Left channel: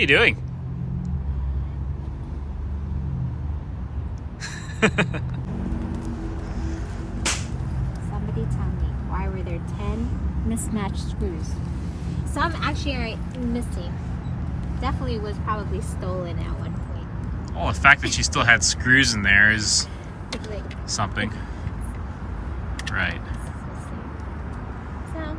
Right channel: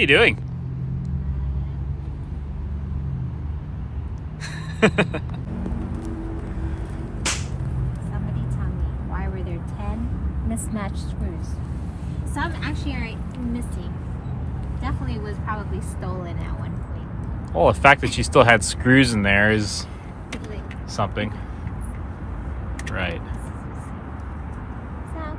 are you doing? Somebody tell me, why were there 10 mismatched screws? Some actually are missing. Definitely was probably stolen at one point. Well, the fact that you still had screws in there is something. Right. So,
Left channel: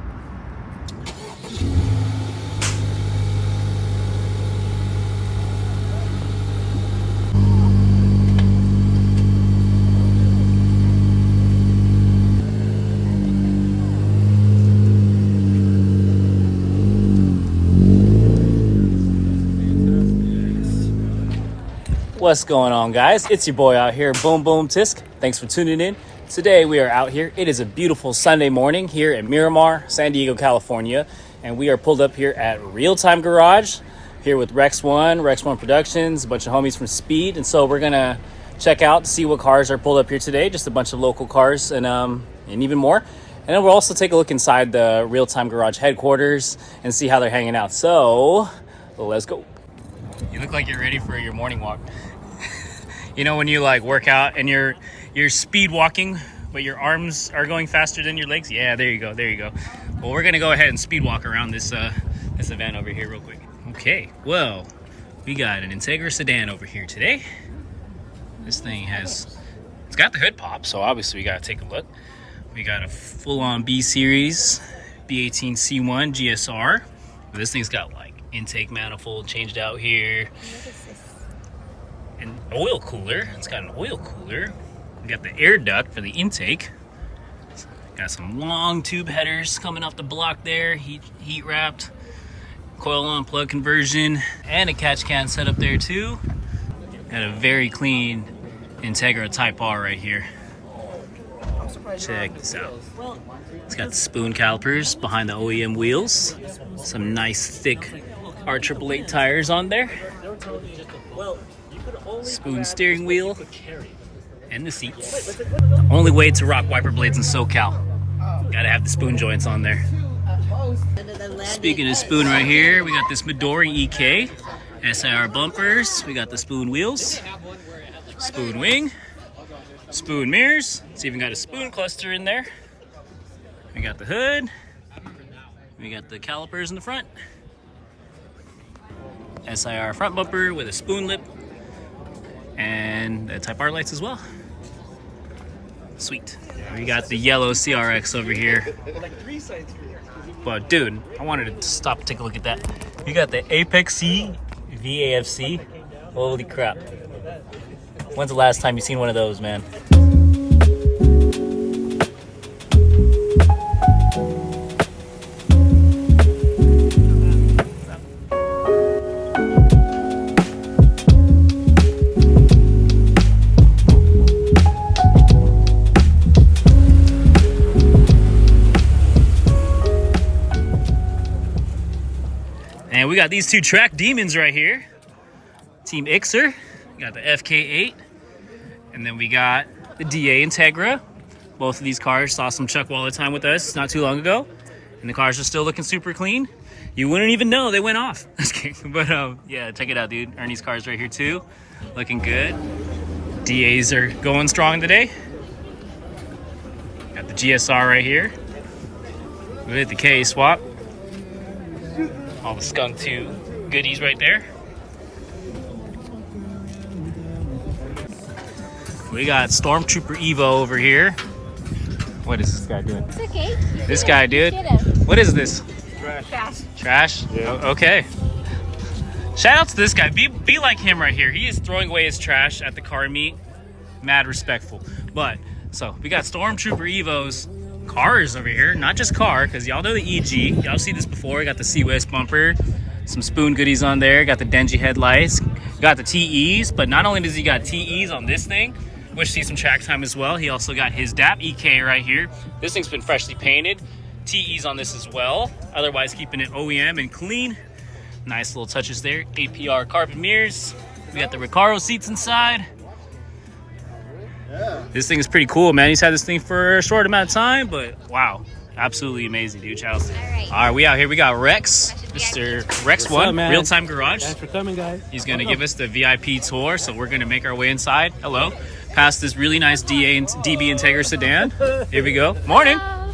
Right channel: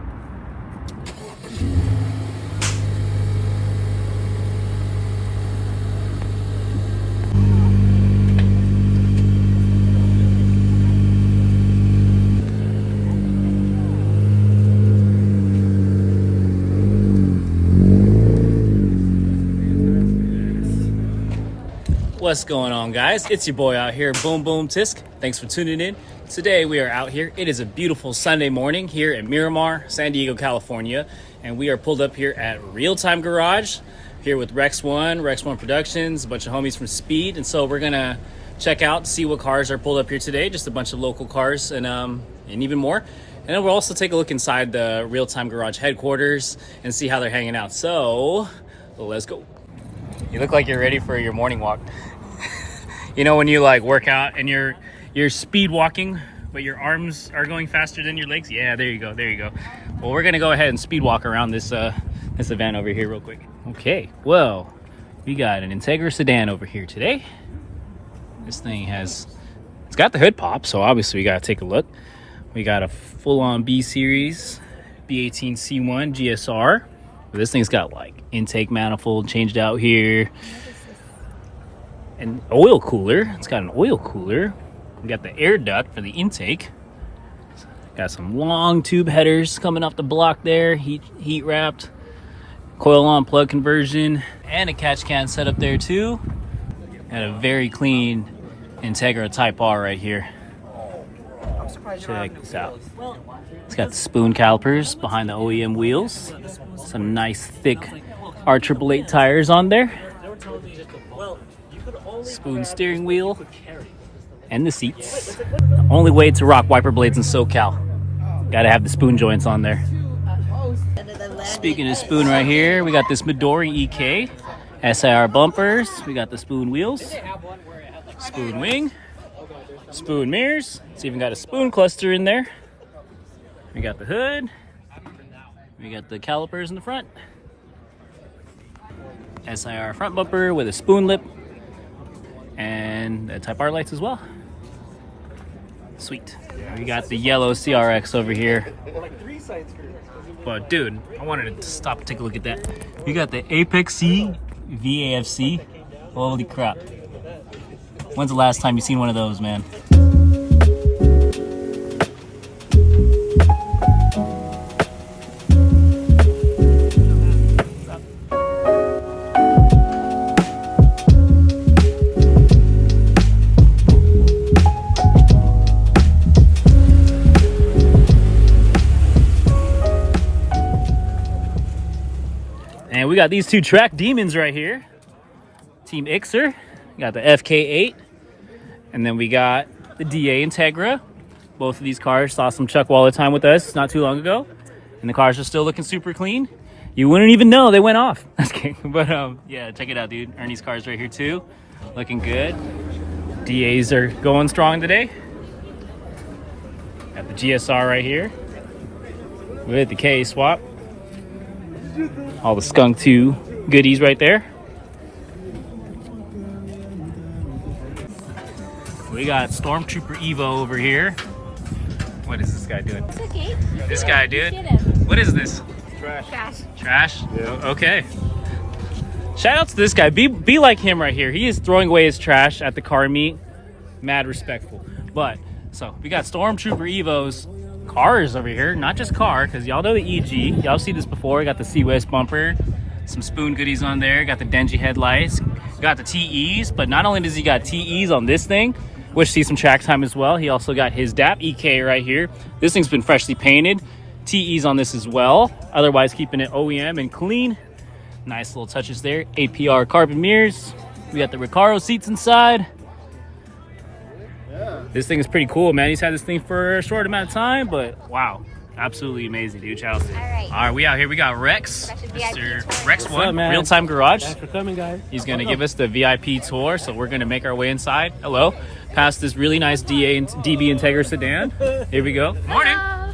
What's going on, guys? It's your boy out here, Boom Boom Tisk. Thanks for tuning in. Today we are out here. It is a beautiful Sunday morning here in Miramar, San Diego, California, and we are pulled up here at Real Time Garage here with Rex One Productions, a bunch of homies from Speed, and so we're gonna check out to see what cars are pulled up here today. Just a bunch of local cars and even more. And then we'll also take a look inside the Real Time Garage headquarters and see how they're hanging out. So let's go. You look like you're ready for your morning walk. You know when you like work out and you're speed walking, but your arms are going faster than your legs? Yeah, there you go, there you go. Well, we're gonna go ahead and speed walk around this event over here real quick. Okay, well, we got an Integra sedan over here today. This thing it's got the hood pop, so obviously we gotta take a look. We got a full-on B series B18 C1 GSR. This thing's got like intake manifold changed out here. An oil cooler. It's got an oil cooler. We got the air duct for the intake. Got some long tube headers coming off the block there, heat wrapped. Coil on plug conversion and a catch can set up there too. Got a very clean Integra Type-R right here. Check this out. It's got the spoon calipers behind the OEM wheels. Some nice thick R888 tires on there. Spoon steering wheel and the seats. The only way to rock wiper blades in SoCal, gotta have the spoon joints on there. Speaking of spoon right here, we got this Midori EK SIR bumpers. We got the spoon wheels, spoon wing, spoon mirrors. It's even got a spoon cluster in there. We got the hood. We got the calipers in the front. SIR front bumper with a spoon lip. And the Type-R lights as well. Sweet. We got the yellow CRX over here. But dude, I wanted to stop and take a look at that. You got the Apex C VAFC. Holy crap. When's the last time you seen one of those, man? And we got these two track demons right here. Team Ixer. We got the FK8. And then we got the DA Integra. Both of these cars saw some Chuck Waller time with us not too long ago. And the cars are still looking super clean. You wouldn't even know they went off. But yeah, check it out, dude. Ernie's cars right here too. Looking good. DAs are going strong today. Got the GSR right here. With the K swap. All the Skunk 2 goodies right there. We got Stormtrooper Evo over here. What is this guy doing? it's okay. This guy, dude. What is this? Trash. Trash? Yeah. Okay. Shout out to this guy. Be like him right here. He is throwing away his trash at the car meet. Mad respectful. But, so, we got Stormtrooper Evo's cars over here. Not just car, because y'all know the EG. Y'all see this before. Got the C-West bumper. Some spoon goodies on there. Got the Denji headlights. Got the TEs. But not only does he got TEs on this thing, which sees some track time as well, he also got his DAP EK right here. This thing's been freshly painted. TEs on this as well. Otherwise keeping it OEM and clean. Nice little touches there. APR carbon mirrors. We got the Recaro seats inside. Yeah. This thing is pretty cool, man. He's had this thing for a short amount of time, but wow. Absolutely amazing, dude. Shout out to him. All right, we out here. We got Rex Mr. Rex What's up, One, man? Real Time Garage. Thanks for coming, guys. He's going to give us the VIP tour, so we're going to make our way inside. Hello. Past this really nice DB Integra sedan. Here we go. Morning. Hello.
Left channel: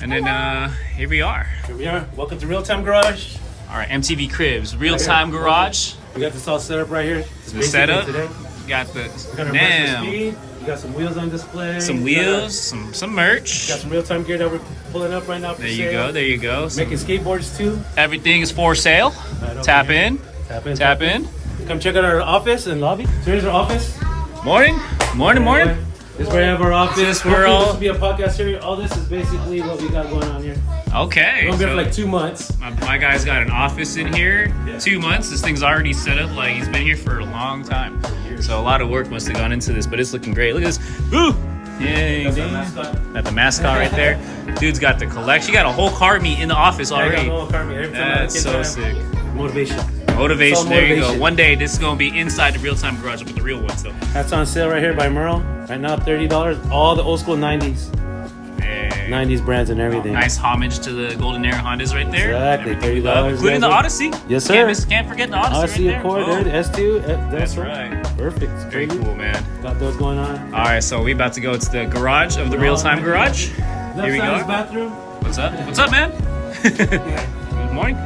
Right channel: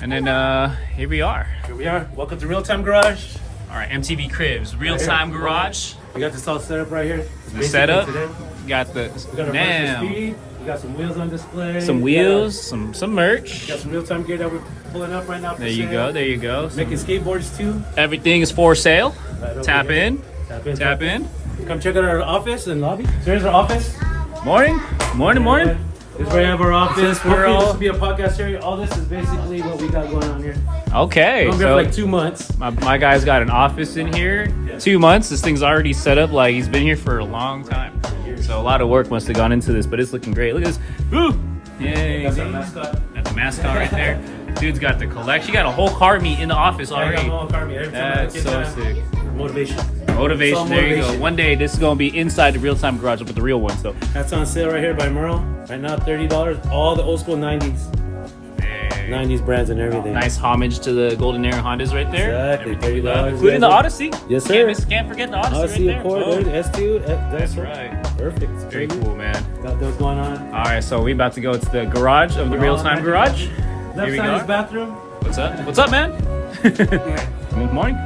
And then here we are. Here we are. Welcome to Real Time Garage. All right, MTV Cribs, Real Time Garage. We got this all set up right here. It's The basically setup. today. Got the We're gonna damn. brush the speed. We got some wheels on display. Some We got wheels, some merch. Got some real time gear that we're pulling up right now. For There you sale. go. There you go. Making skateboards too. Everything is for sale. Tap in. Tap in. Come check out our office and lobby. So here's our office. Morning. Morning. This is where we have our office. This is where Hopefully all- this will be a podcast series. All this is basically what we got going on here. Okay. We're gonna be here So for like 2 months. my guy's got an office in here. 2 months. This thing's already set up like he's been here for a long time. So a lot of work must have gone into this, but it's looking great. Look at this. Woo! Yay, That's our dude. mascot. Got the mascot right there. Dude's got the collection. You got a whole car meet in the office already. That's so sick. Motivation. Motivation. So There you go. motivation. One day this is gonna be inside the Real Time Garage with the real one. So That's on sale right here by Merle. Right now, $30. All the old school 90s. hey. 90s brands and everything. Nice homage to the Golden Era Hondas right there. Exactly. Everything we love, $30, including the guys. Odyssey. Yes, sir. Can't forget the Odyssey, Odyssey, right of there. course, Oh, dude. S2. that's right. Perfect. It's Very crazy. cool, man. Got those going on. All right, so we about to go to the garage of the Real Time Garage. Left Here we side is go. bathroom. What's up? What's up, man? Morning.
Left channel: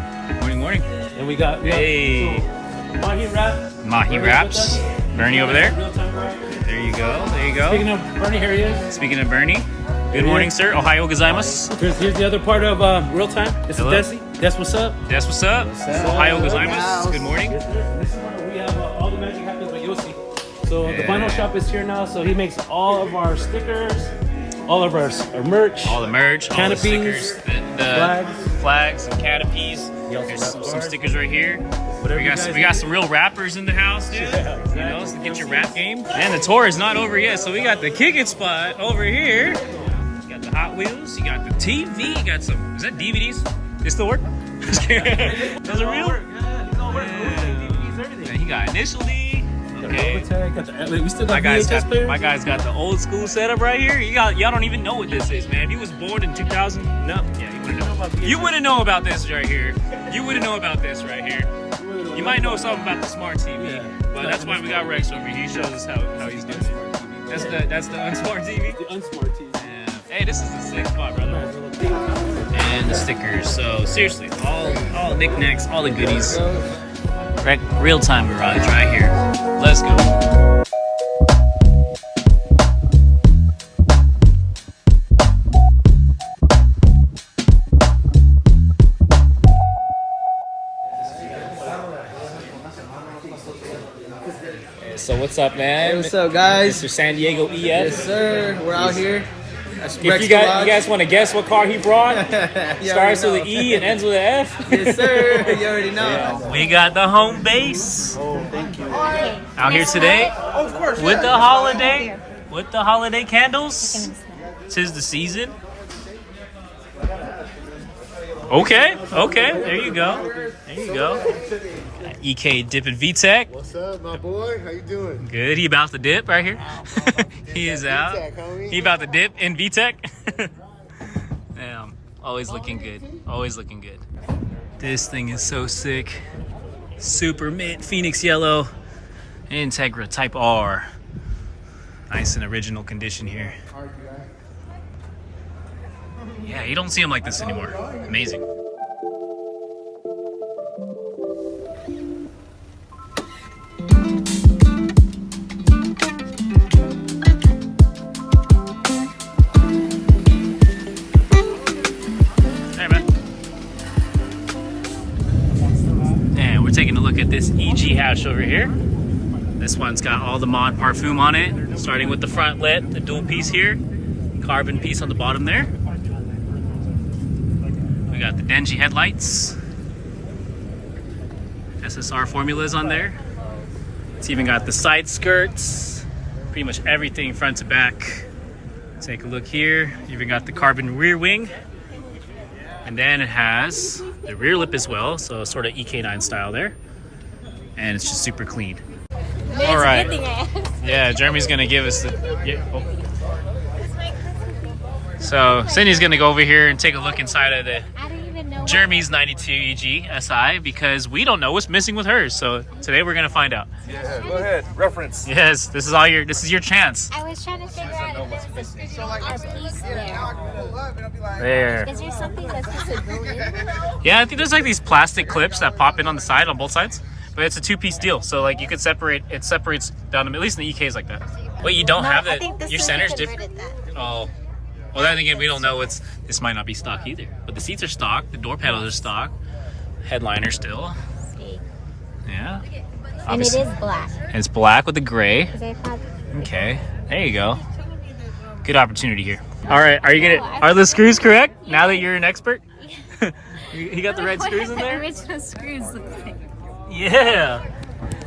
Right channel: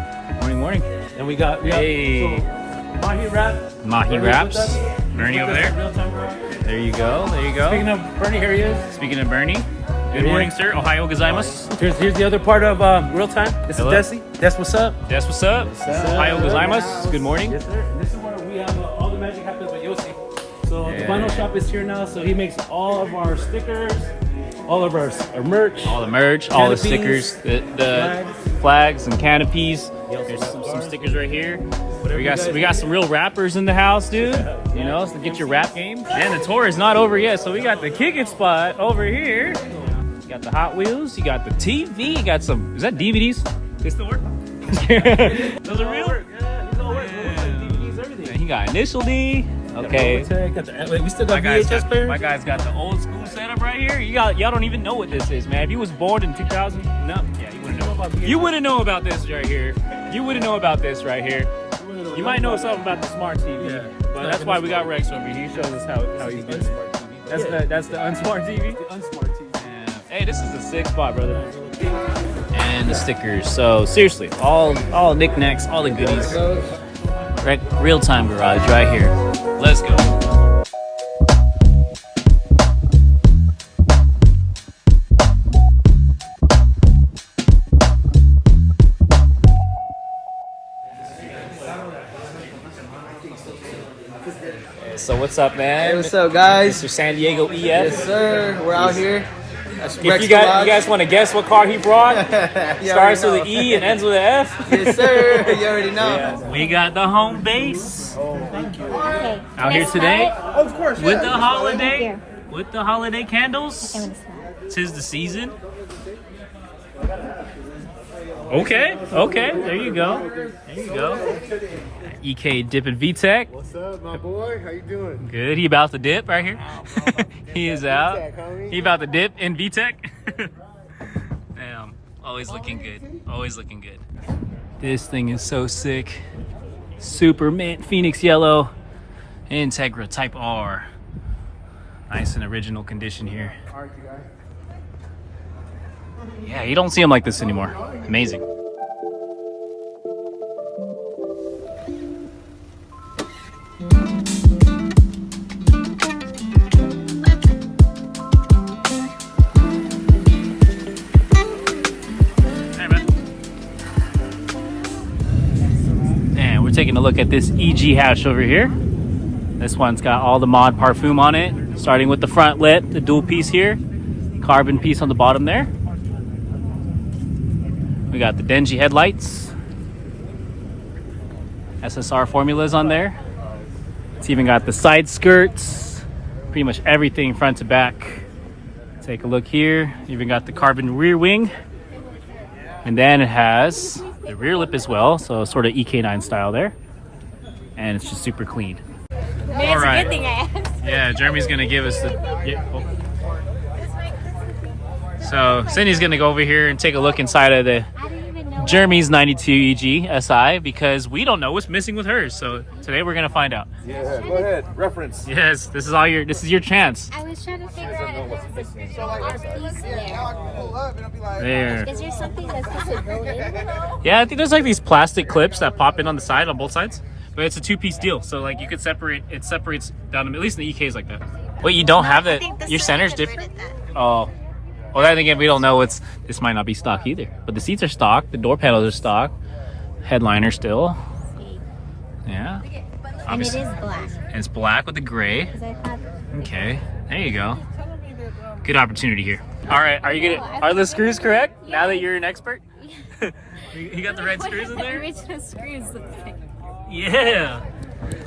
Morning. And we got Hey. so, Mahi Wrap. Mahi Bernie's Wraps. with us. Bernie over there. Real Time Garage. There you go. There you Speaking go. of Bernie, here he is. Speaking of Bernie, good morning, sir. Ohio gozaimasu. Here's the other part of Real Time. This Hello. is Desi. Des, what's up? That's what's up. Ohio gozaimasu. Good morning. Yes, sir. And this is where we have all the magic happens with Yossi. So the Yeah. vinyl shop is here now. So he makes all of our stickers, all of our merch. All the merch, all the Canopies, stickers, the flags and canopies. There's some stickers right here. We got some real rappers in the house, dude. You know, so get your rap game. And the tour is not over yet, so we got the kick it spot over here. You got the Hot Wheels. You got the TV. You got some. Is that DVDs? They still work? Those are real. Yeah. He got Initial D. Okay. We still got VHS players? My guy's got the old school setup right here. Y'all don't even know what this is, man. If you was born in 2000, no, yeah, you wouldn't know. You wouldn't know about this right here. You wouldn't know about this right here. You might know something about the smart TV, but that's why we got Rex over here. He shows us how he's doing it. That's the unsmart TV. The unsmart TV. Yeah. Hey, this is a sick spot, brother. And the stickers. So seriously, all knickknacks, all the goodies. Real Time Garage right here. Let's go. So what's up, man? Hey, what's up, guys? Mr. San Diego EF. Yes, sir. We're out here. That's If Rex you Garage. guys want to guess what car he brought, You starts already with an know. E and ends with an F. Yes, sir. You already know. We got the home base Okay. out here Guess today what? with the holiday, with the holiday I'm candles. gonna snap. 'Tis the season. Okay, there you go. There you go. EK dipping VTech. What's up, my boy? How you doing? Good. He about to dip right here. He is out. VTech, homie. He about to dip in VTech. Damn. Always looking good. Always looking good. This thing is so sick. Super mint Phoenix yellow. Integra Type-R. Nice and original condition here. Yeah, you don't see them like this anymore. Amazing. Hey, man. And we're taking a look at this EG hatch over here. This one's got all the mod parfum on it, starting with the front lit, the dual piece here, carbon piece on the bottom there. We got the Denji headlights, SSR formulas on there. It's even got the side skirts, pretty much everything front to back. Take a look here. Even got the carbon rear wing. And then it has the rear lip as well, so sort of EK9 style there. And it's just super clean. All right. Yeah, Jeremy's gonna give us the. Yeah, oh. So Cindy's gonna go over here and take a look inside of the I don't even know Jeremy's 92 EG SI because we don't know what's missing with hers. So today we're gonna find out. Yeah, go ahead. Reference. Yes, this is your chance. I was trying to figure out if there's a piece there. There. Is there something that's supposed to go in? Yeah, I think there's like these plastic clips that pop in on the side on both sides. But it's a two-piece deal, so like you could separate. It separates down the, at least in the EKs like that. Wait, you don't have that? Your center's different. Oh, well then again, we don't know what's. This might not be stock either. But the seats are stock. The door panels are stock. Headliner still. Yeah. And it is black. And it's black with the gray. Okay, there you go. Good opportunity here. All right, are the screws correct? Yes. Now that you're an expert, you got the right screws in there. Original screws look like. Yeah.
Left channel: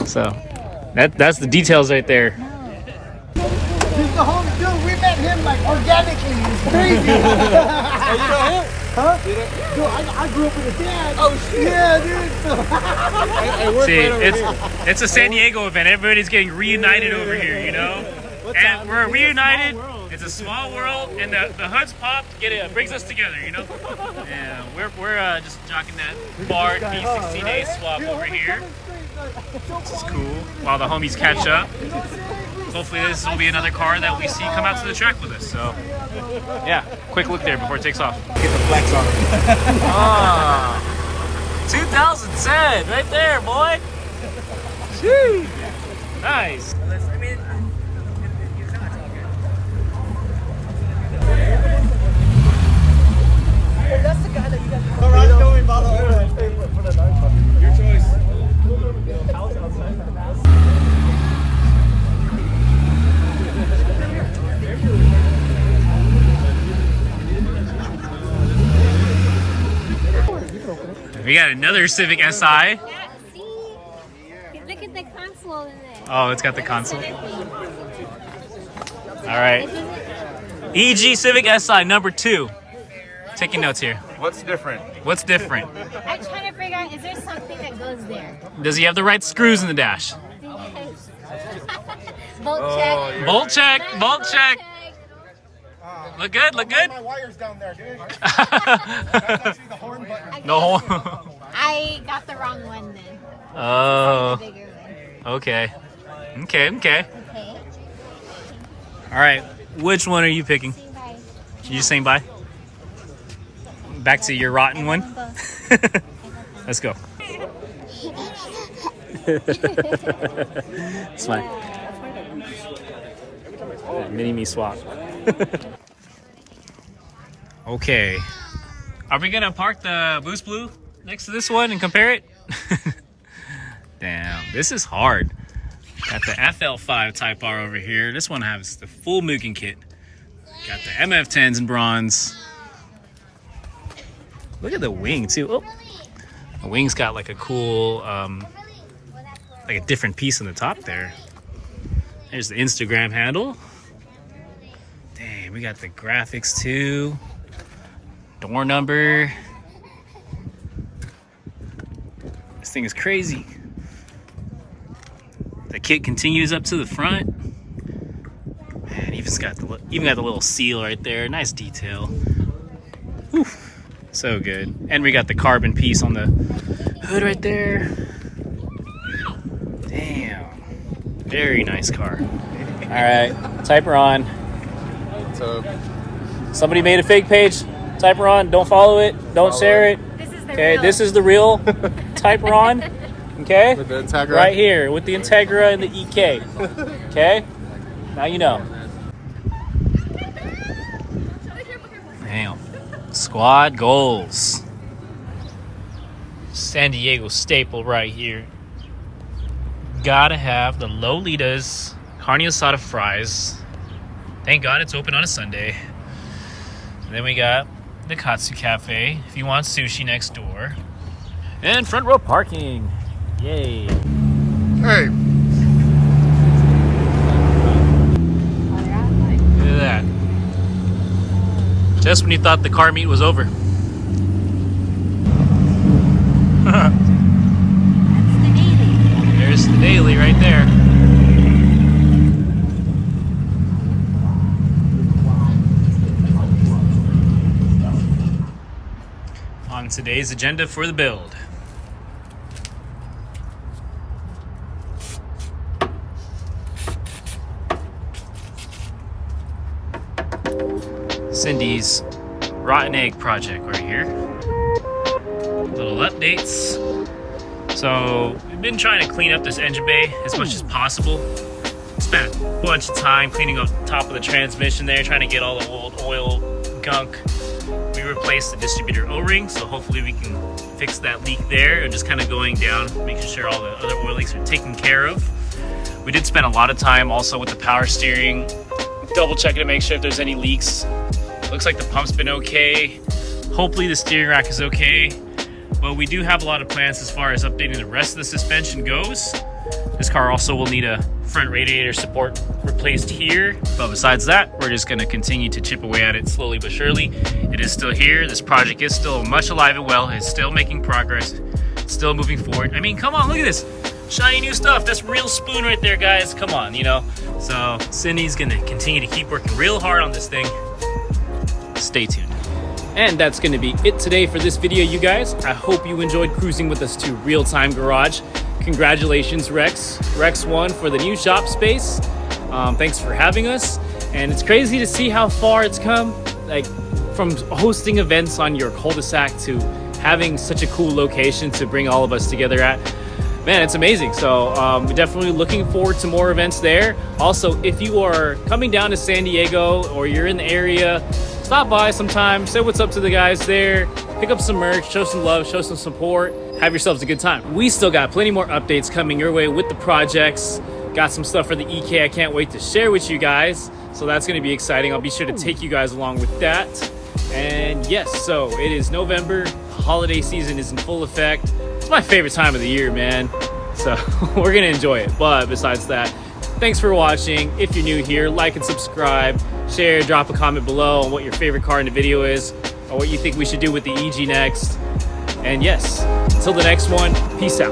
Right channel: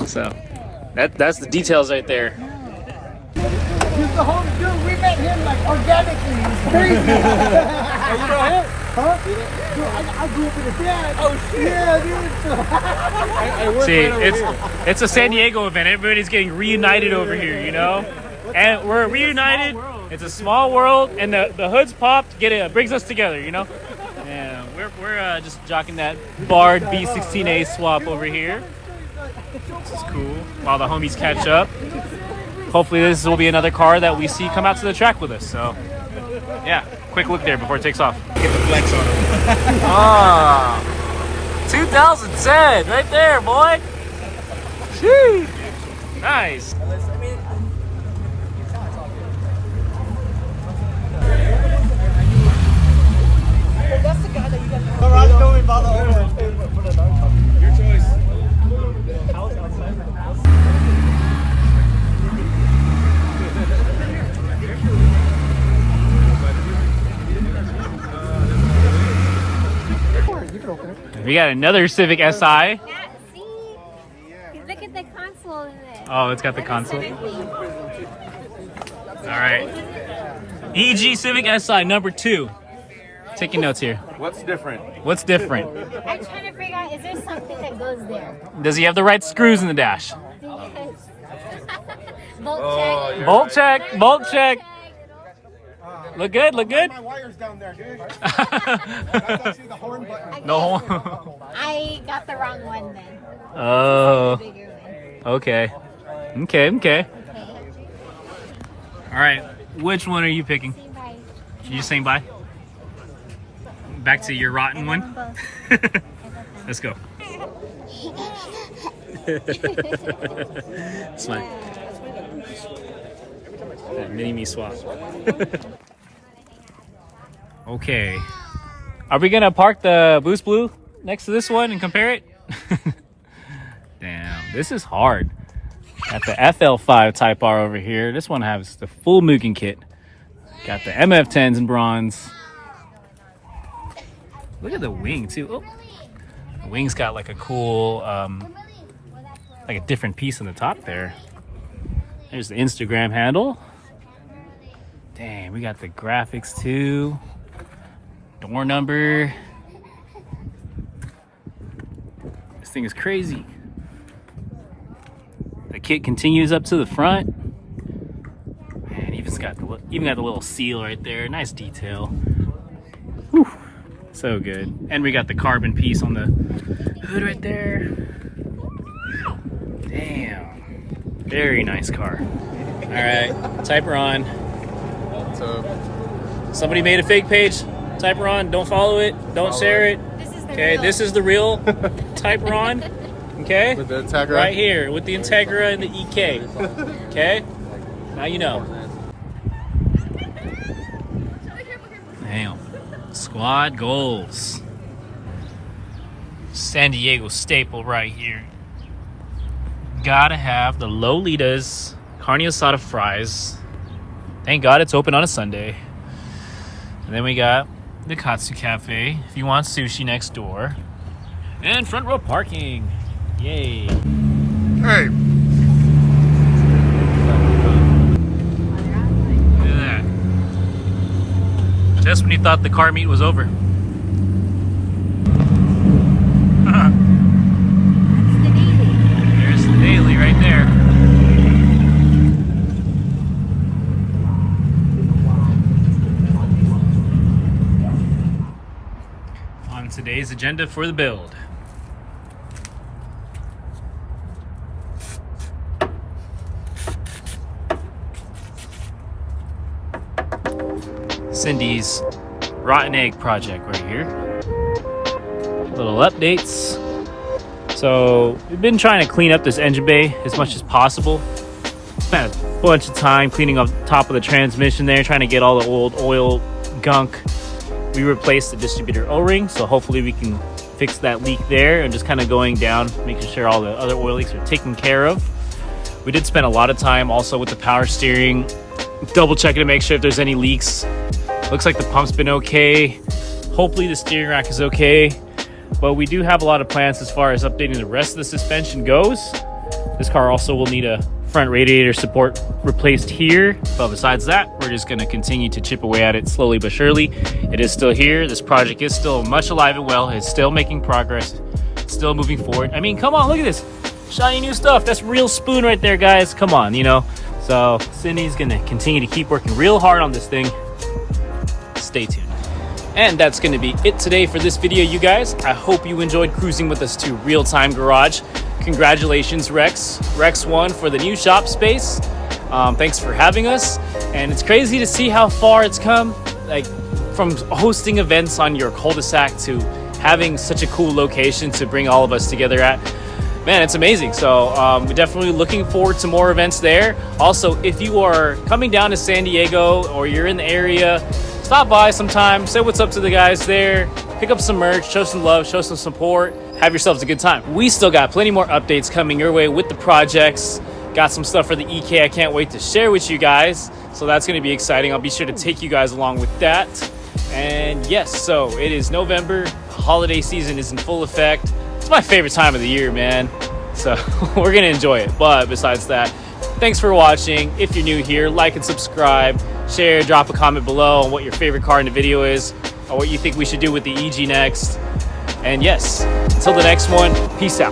So that's the details right there. He's the homie, dude. We met him like organically. It's crazy. Oh, you know him? Huh? Dude, I grew up with a dad. Oh shit. Yeah, dude. I work See, right over here. it's a San Diego event. Everybody's getting reunited over here, you know? And we're reunited. It's a small world, and the hoods popped. It brings us together, you know? Yeah, we're just jocking that Bard B16A swap over here. Which is cool. While the homies catch up. Hopefully this will be another car that we see come out to the track with us. So, yeah, quick look there before it takes off. Get the flex on it. Ah, 2010, right there, boy. Sheesh. Nice. Your choice. We got another Civic SI. Yeah, see? Look at the console in there. Oh, it's got the console. All right. EG Civic SI number 2. Taking notes here. What's different? What's different? I'm trying to figure out, is there something that goes there? Does he have the right screws in the dash? Bolt check. Bolt check. Bolt check. Look good. Look good. My wire's down there, dude. That's actually the horn button. No horn. I got the wrong one then. Oh. The bigger one. Okay. Okay. Okay. All right. Which one are you picking? Saying bye. You just saying bye? Back to your rotten one? Let's go. Smile. Mini me swap. Okay. Are we gonna park the Boost Blue next to this one and compare it? Damn, this is hard. Got the FL5 Type-R over here. This one has the full Mugen kit. Got the MF10s in bronze. Look at the wing too. Oh, the wing's got like a cool, like a different piece on the top there. There's the Instagram handle. Dang, we got the graphics too. Door number. This thing is crazy. The kit continues up to the front. Man, even got the little seal right there. Nice detail. Whew. So good. And we got the carbon piece on the hood right there. Damn. Very nice car. All right, Type-R on. What's up? Somebody made a fake page. Type-R on. Don't follow it. Don't share it. Okay, this is the real Type-R on. Okay? With the Integra. Right here with the Integra and the EK. Okay? Now you know. Damn. Squad goals. San Diego staple right here. Gotta have the Lolitas carne asada fries. Thank God it's open on a Sunday. And then we got the Katsu Cafe if you want sushi next door. And front row parking. Yay. Hey. Look at that. Just when you thought the car meet was over. There's the daily right there. On today's agenda for the build. Cindy's rotten egg project right here. Little updates. So we've been trying to clean up this engine bay as much as possible. Spent a bunch of time cleaning up top of the transmission there, trying to get all the old oil gunk. We replaced the distributor O-ring, so hopefully we can fix that leak there, and just kind of going down, making sure all the other oil leaks are taken care of. We did spend a lot of time also with the power steering, double checking to make sure if there's any leaks. Looks like the pump's been okay. Hopefully the steering rack is okay. But we do have a lot of plans as far as updating the rest of the suspension goes. This car also will need a front radiator support replaced here. But besides that, we're just gonna continue to chip away at it slowly but surely. It is still here. This project is still much alive and well. It's still making progress, still moving forward. I mean, come on, look at this. Shiny new stuff. That's real spoon right there, guys. Come on, you know. So Cindy's gonna continue to keep working real hard on this thing. Stay tuned. And that's going to be it today for this video, you guys. I hope you enjoyed cruising with us to Real Time Garage. Congratulations, Rex 1 for the new shop space. Thanks for having us. And it's crazy to see how far it's come, like from hosting events on your cul-de-sac to having such a cool location to bring all of us together at. Man, it's amazing. So we're definitely looking forward to more events there. Also, if you are coming down to San Diego or you're in the area, stop by sometime, say what's up to the guys there, pick up some merch, show some love, show some support, have yourselves a good time. We still got plenty more updates coming your way with the projects. Got some stuff for the EK I can't wait to share with you guys. So that's going to be exciting. I'll be sure to take you guys along with that. And yes, so it is November. Holiday season is in full effect. It's my favorite time of the year, man. So we're going to enjoy it. But besides that, thanks for watching. If you're new here, like and subscribe. Share, drop a comment below on what your favorite car in the video is, or what you think we should do with the EG next. And yes, until the next one, peace out.